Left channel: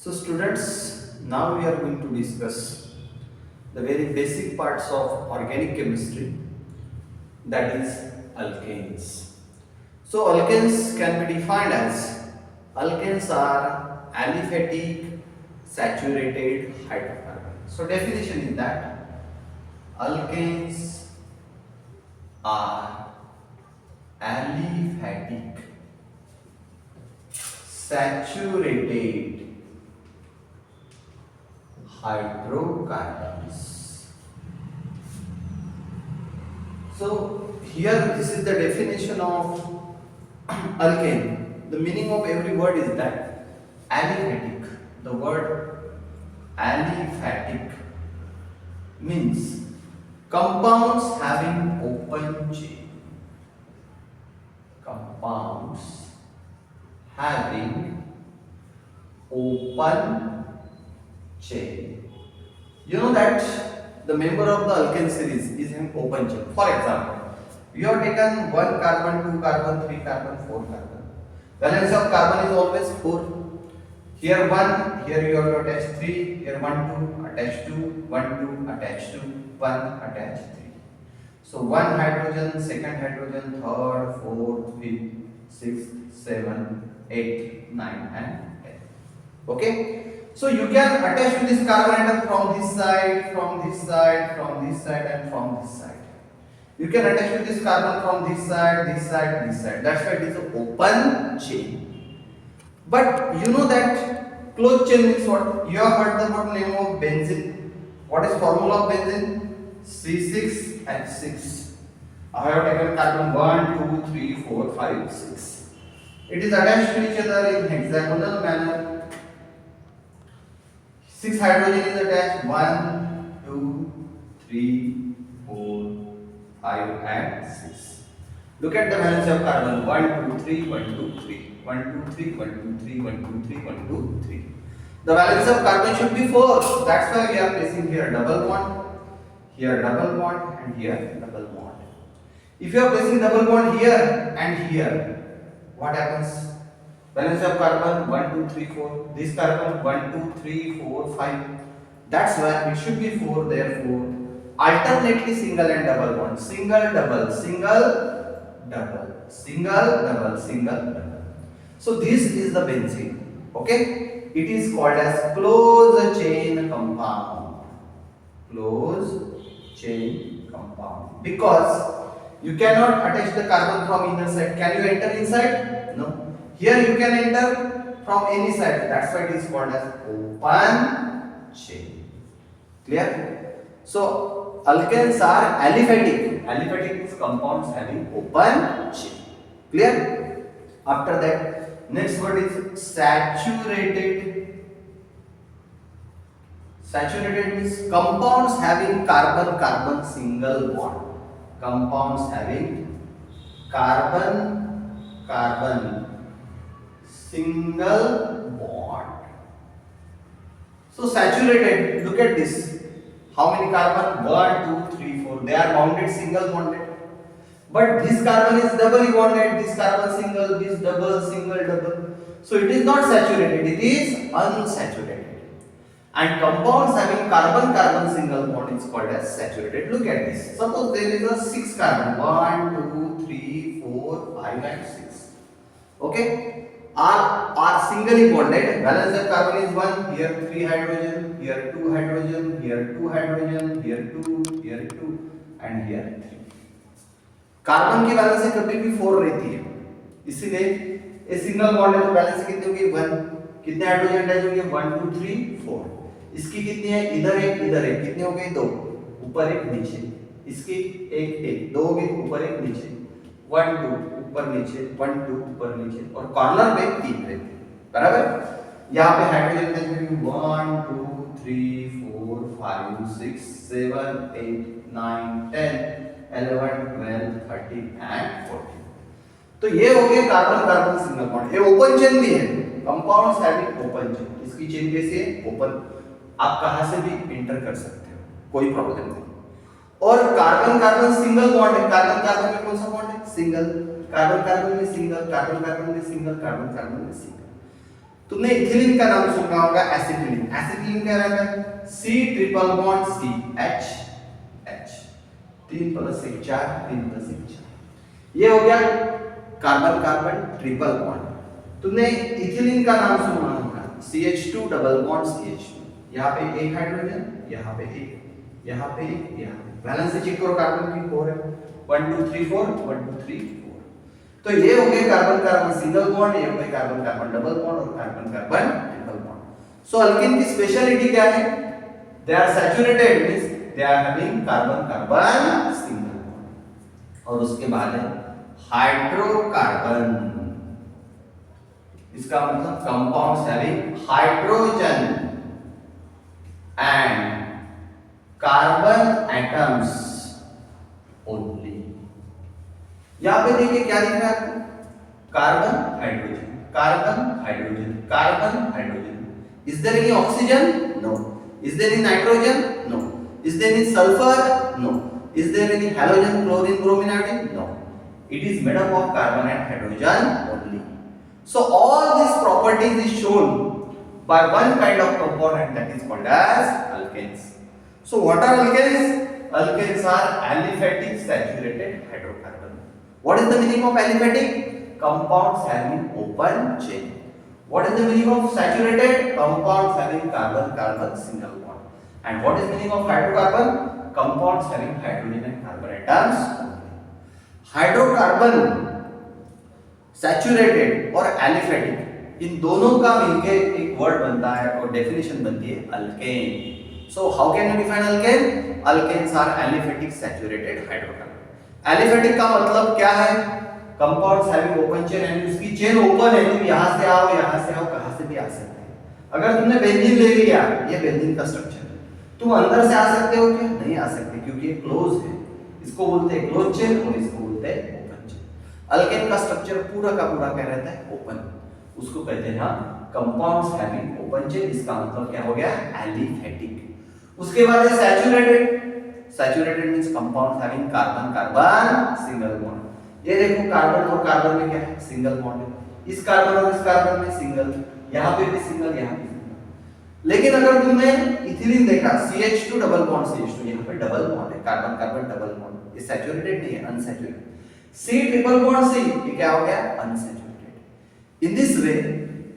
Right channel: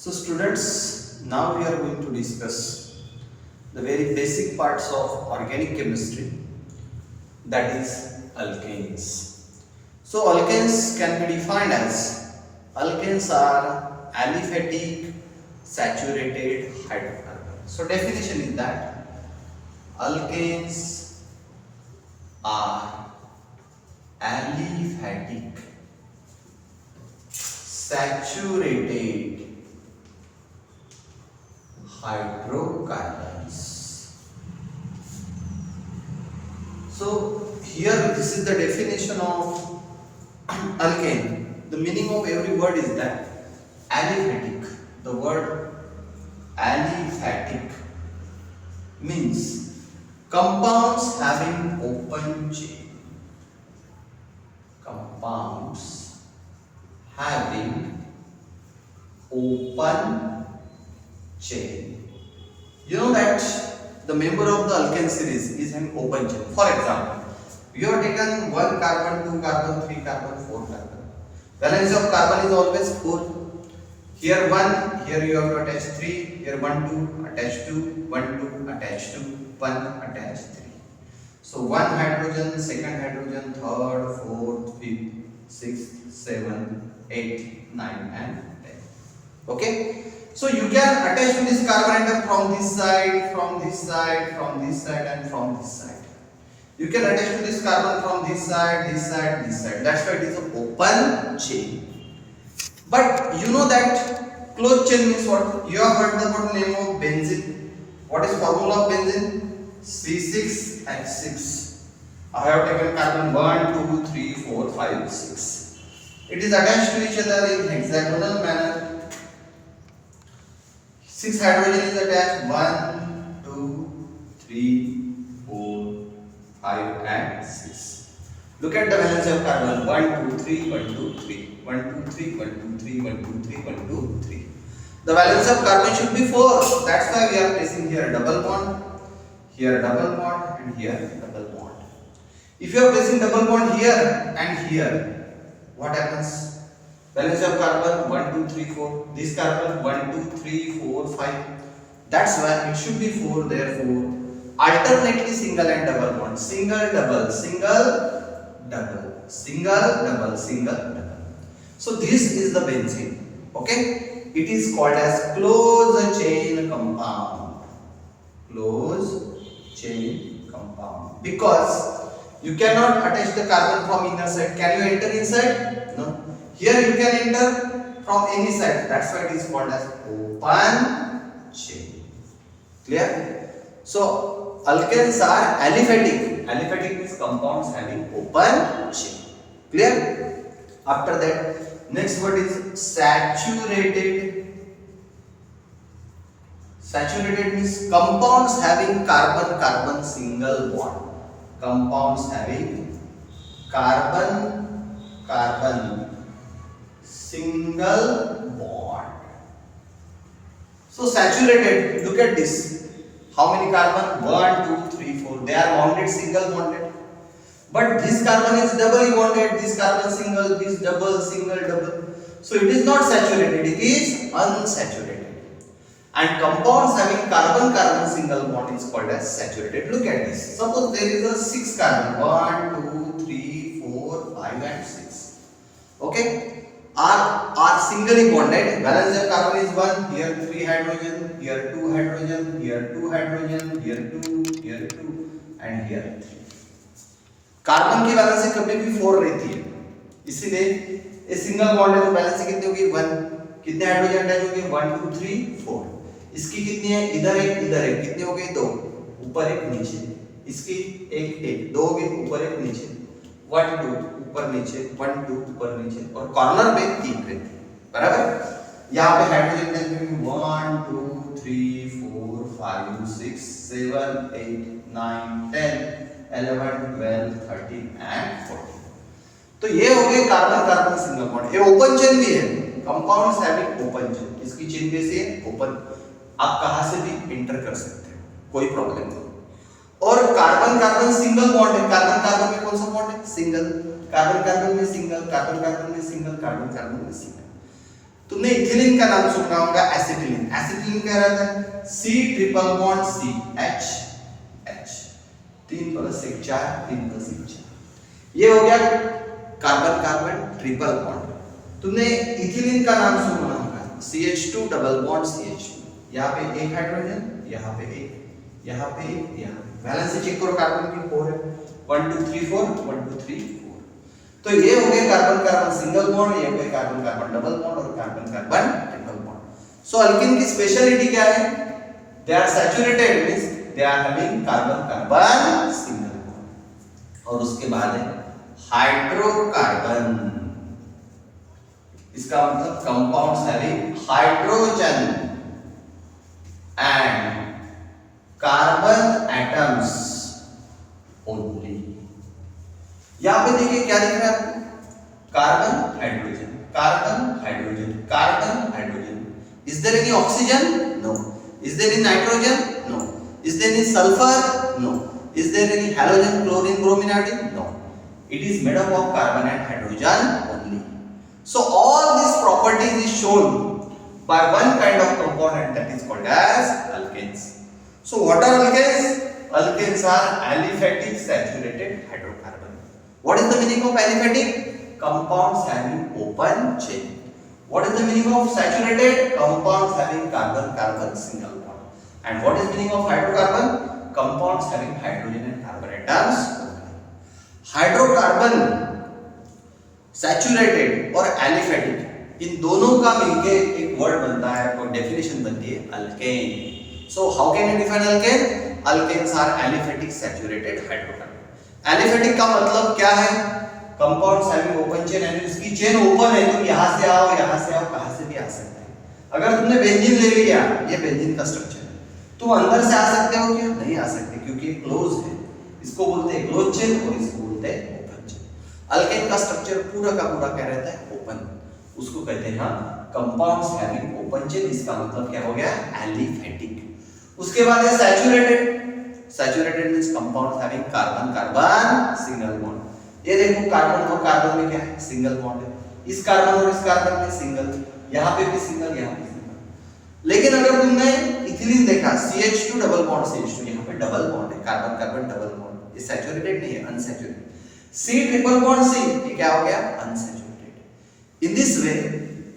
So students, now we are going to discuss the very basic parts of organic chemistry, that is alkanes. So alkanes can be defined as alkanes are aliphatic saturated hydrocarbons. So definition is that alkanes are aliphatic saturated hydrocarbons. So here this is the definition of alkane. The meaning of every word is that aliphatic. The word aliphatic means compounds having open chain. Compounds having open chain. You know that the member of the alkane series is an open chain. For example, we have taken 1 carbon, 2 carbon, 3 carbon, 4 carbon. Valence of carbon is always 4. Here 1, here you have to attach 3, here 1, 2, attach 2, 1, 2, attach 2, 1, attach 3. So 1 hydrogen, second hydrogen, third, fourth, fifth, 6th, 7th, 8th, 9th and 10th. Okay? So you can attach to this carbon atom from this side, from this side, from this side and from this side. You can attach to this carbon from this side, this side, this side. That's why it is an open chain. But you know that closed chain means what? You have heard about the name of benzene. What is formula of benzene? C6H6. I have taken carbon 1, 2, 3, 4, 5, 6. It is attached to each other in hexagonal manner. 6 hydrogen is attached. 1, 2, 3, 4, 5 and 6. Look at the valence of carbon. 1, 2, 3, 1, 2, 3. 1, 2, 3, 1, 2, 3, 1, 2, 3, 1, 2, 3. The valence of carbon should be 4. That's why we are placing here double bond, here double bond and here double bond. If you are placing double bond here and here, what happens? Valence of carbon 1, 2, 3, 4. This carbon 1, 2, 3, 4, 5. That's why it should be 4. Therefore, alternately single and double bond. Single, double, single, double, single, double, single, double. So this is the benzene. Okay? It is called as closed chain compound. Closed chain compound. Because you cannot attach the carbon from inner side. Can you enter inside? No. Here you can enter from any side. That's why it is called as open chain. Clear? So alkanes are aliphatic. Aliphatic means compounds having open chain. Clear? After that, next word is saturated. Saturated means compounds having carbon-carbon single bond. Compounds having carbon-carbon single bond. So saturated, look at this. How many carbon? 1, 2, 3, 4. They are bonded, single bonded. But this carbon is doubly bonded, this carbon single, this double, single, double. So it is not saturated, it is unsaturated. And compounds having carbon-carbon single bond is called as saturated. Look at this. Suppose there is a 6 carbon. 1, 2, 3, 4, 5 and 6. Okay? Are singly bonded. Valence of carbon is 1. Here 3 hydrogen. Here 2 hydrogen. Here 2 hydrogen. Here 2. Here 2. And here 3. कार्बन की वैलेंसी कभी भी 4 रहती है. इसीलिए ये single bond है तो वैलेंसी कितनी होगी 1. कितने हाइड्रोजन अटैच होंगे 1 2 3 4. इसकी कितनी है इधर एक कितने हो गए 2. ऊपर एक नीचे. इसकी एक 2 हो गए ऊपर एक नीचे. 1 2 ऊपर नीचे 1 2 ऊपर नीचे और कॉर्नर पे 3 रहती है. बराबर. यहाँ पे हाइड्रोजन अटैच होंगे 1 2 3 4 5 6 7 8 9 10 11 12 13 and 14. तो ये हो गए कार्बन कार्बन सिंगल बॉन्ड. ये ओपन चेन भी है. Compounds having open chain. इसकी चेन कैसी है ओपन. आप कहां से भी इंटर कर सकते हो, कोई प्रॉब्लम नहीं. और कार्बन कार्बन सिंगल बॉन्ड है. कार्बन कार्बन में कौन सा बॉन्ड है सिंगल. कार्बन कार्बन में सिंगल, कार्बन कार्बन में सिंगल, कार्बन कार्बन में सिंगल. तुमने इथिलीन का नाम सुना होगा, एसिटिलीन। एसिटिलीन क्या रहता है? C triple bond C H H 3 + 1 4 3 + 1 4। ये हो गया कार्बन कार्बन ट्रिपल बॉन्ड। तुमने इथिलीन का नाम सुना होगा, CH2 डबल बॉन्ड CH2। यहाँ पे एक हाइड्रोजन, यहाँ पे एक, यहाँ पे एक, यहाँ पे। बैलेंस से चेक करो, कार्बन की 4 है, 1 2 3 4 1 2 3 4। तो ये हो गए कार्बन कार्बन सिंगल बॉन्ड, ये हो गए कार्बन कार्बन डबल बॉन्ड और carbon carbon triple bond. So alkene की स्पेशलिटी क्या है? They are saturated, means they are having carbon carbon single bond. और उसके बाद है हाइड्रोकार्बन। इसका मतलब compounds having hydrogen and carbon atoms only. यहां पे देखिए क्या लिखा है आपको, carbon hydrogen, carbon hydrogen, carbon hydrogen. Is there any oxygen? No. Is there any nitrogen? No. Is there any sulphur? No. Is there any halogen, chlorine, bromine, iodine? No. It is made up of carbon and hydrogen only. So all these properties is shown by one kind of component, that is called as alkanes. So what are alkanes? Alkanes are aliphatic saturated hydrocarbon. What is the meaning of aliphatic? Compounds having open chain. What is the meaning of saturated? Compounds having carbon carbon single bond. And what is meaning of hydrocarbon? Compounds having hydrogen and carbon atoms only. Hydrocarbon, saturated और एलिफेटिक, इन दोनों का मिलके एक वर्ड बनता है और definition बनती है alkane. So how can you define alkane? Alkanes are aliphatic saturated hydrocarbon. Aliphatic का मतलब क्या है? कंपाउंड्स हैविंग ओपन चेन, यानी उसकी चेन ओपन है, तुम यहां से आओ, यहां से आओ, कहां से भी आ सकते हैं। अगर तुमने बेंजीन ले लिया, ये बेंजीन का स्ट्रक्चर है, तुम अंदर से आ सकते हो क्या? नहीं आ सकते, क्योंकि ये क्लोज है। इसको बोलते हैं क्लोज चेन और इसको बोलते हैं ओपन चेन। अल्केन का स्ट्रक्चर पूरा का पूरा क्या रहता है? ओपन। उसको कहते हैं कंपाउंड्स हैविंग ओपन चेन। इसका मतलब क्या हो गया? एलिफेटिक। उसके बाद है saturated. Saturated means compounds having carbon carbon single bond. ये देखो, कार्बन और कार्बन में क्या है? सिंगल बॉन्ड है। इस कार्बन और इस कार्बन में सिंगल, यहां पे भी सिंगल, यहां पे सिंगल। लेकिन अगर तुमने इथिलीन देखा, CH2 डबल बॉन्ड CH2, यहां पे डबल बॉन्ड है, कार्बन कार्बन डबल बॉन्ड। ये सैचुरेटेड नहीं है, unsaturated. C triple bond C, ये क्या हो गया? Unsaturated. In this way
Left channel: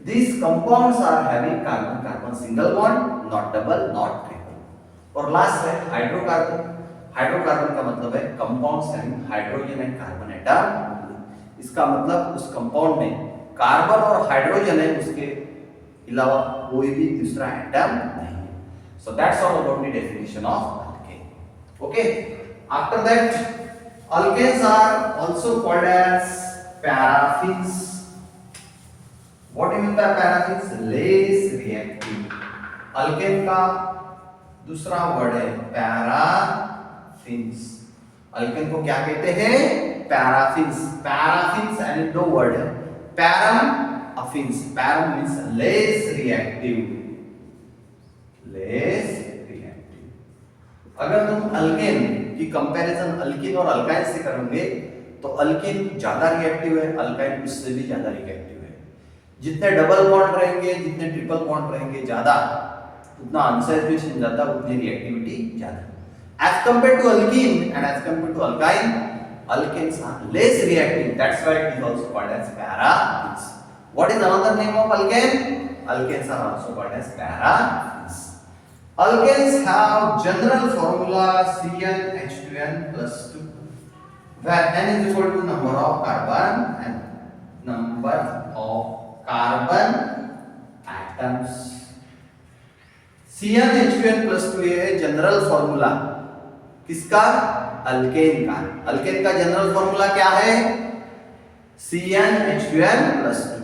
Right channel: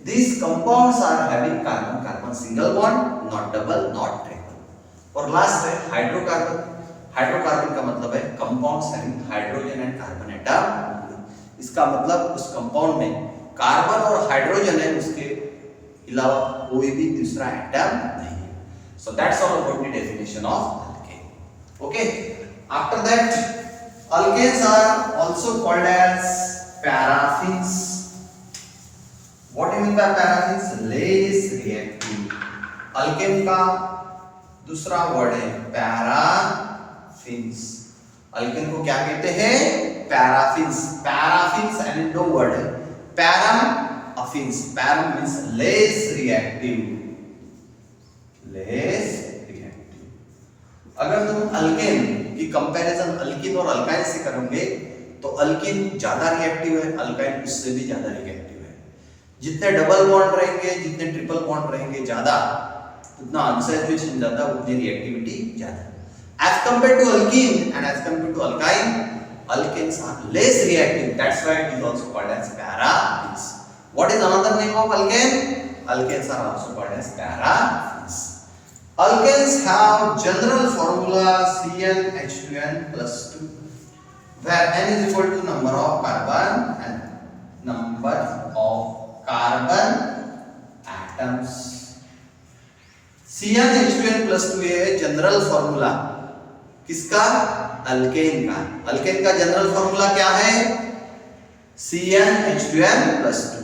these compounds are having carbon carbon single bond, not double, not triple। और लास्ट है हाइड्रोकार्बन। हाइड्रोकार्बन का मतलब है compounds having hydrogen and carbon atom. इसका मतलब उस कंपाउंड में कार्बन और हाइड्रोजन है, उसके अलावा कोई भी दूसरा एटम नहीं है। So that's all about the definition of alkane. Okay, after that alkanes are also called as paraffins. What do you mean by paraffins? Less reactive। alkane का दूसरा वर्ड है paraffins। alkane को क्या कहते हैं? paraffins। paraffins and दो वर्ड है, param affins। param means less reactive, less reactive। अगर तुम alkane की कंपैरिजन अल्किन और अल्काइन से करोगे तो अल्किन ज्यादा रिएक्टिव है, अल्काइन उससे भी ज्यादा रिएक्टिव है। जितने डबल बॉन्ड रहेंगे, जितने ट्रिपल बॉन्ड रहेंगे ज्यादा, उतना अनसैचुरेशन ज्यादा, उतनी रिएक्टिविटी ज्यादा। As compare to alkene and as compare to alkyne, alkanes are less reactive, that's why it is also called as paraffins. What is another name of alkane? Alkanes are also called as paraffins. Alkanes have general formula CnH2n+2, where n is equal to number of carbon and number of carbon atoms। CnH2n+2 है general formula किसका? अल्केन का। अल्केन का general formula क्या है? CnH2n+2।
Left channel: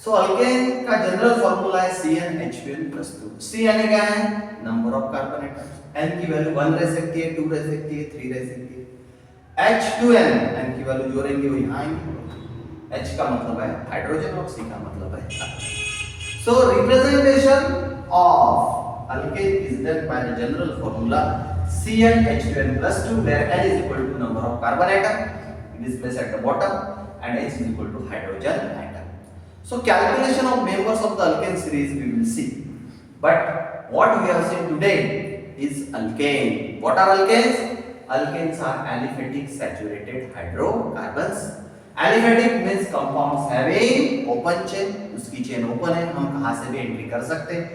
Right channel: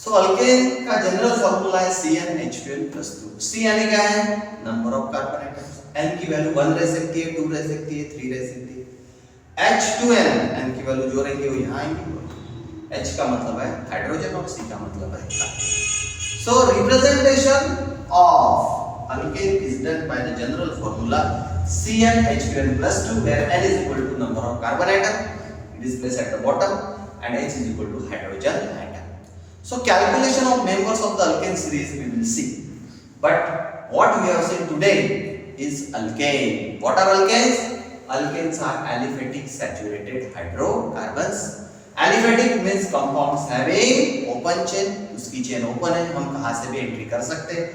सो अल्केन का general formula है CnH2n+2। C यानी क्या है? Number of carbon atoms. n की वैल्यू 1 रह सकती है, 2 रह सकती है, 3 रह सकती है। H2n, n की वैल्यू जो रहेंगे वो यहाँ आएंगी। H का मतलब है हाइड्रोजन और C का मतलब है कार्बन। सो representation of alkane is done by the general formula CnH2n+2, where n is equal to number of carbon atom, it is placed at the bottom, and H is equal to hydrogen atom. So calculation of members of the alkane series we will see. But what we have seen today is alkane. What are alkanes? Alkanes are aliphatic saturated hydrocarbons. Aliphatic means compounds having open chain, उसकी chain open है, हम कहां से भी एंट्री कर सकते हैं.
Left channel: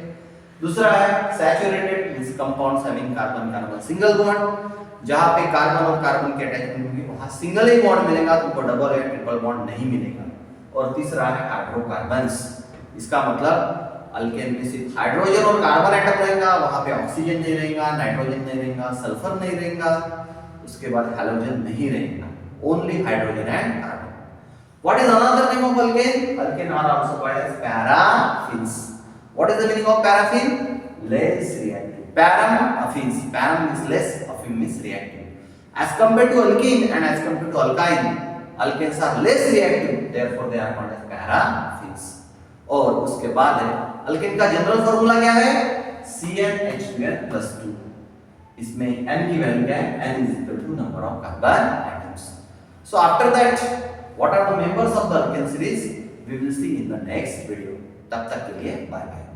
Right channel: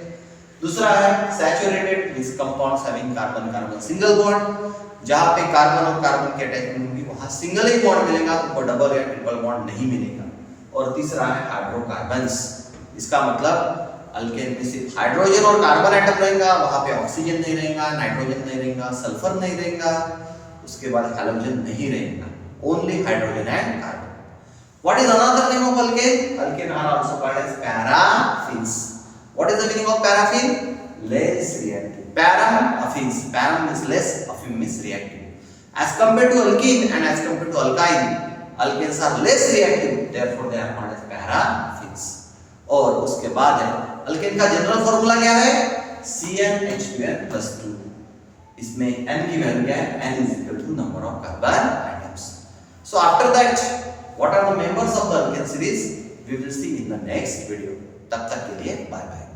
दूसरा है saturated means compounds having carbon carbon single bond, जहां पे कार्बन और कार्बन की अटैचमेंट होगी वहां सिंगल ही बॉन्ड मिलेगा, तुमको डबल या ट्रिपल बॉन्ड नहीं मिलेगा. और तीसरा है हाइड्रोकार्बन्स. इसका मतलब अल्केन में सिर्फ हाइड्रोजन और कार्बन एटम रहेगा, वहां पे ऑक्सीजन नहीं रहेगा, नाइट्रोजन नहीं रहेगा, सल्फर नहीं रहेगा, उसके बाद हैलोजन नहीं रहेगा, only hydrogen and carbon. What is another name of alkane? Alkane are also called as paraffins. What is the meaning of paraffin? Less reactive. Paraffins. Param means less, affin means reactive. As compared to alkene and as compared to alkyne, alkanes are less reactive. Therefore, they are called as paraffins. और उसके बाद है alkane का general formula क्या है? CnH2n+2. इसमें n की वैल्यू क्या है? n is equal to number of carbon atoms. So after that, what are the members of the alkane series? We will see in the next video. तब तक के लिए bye bye.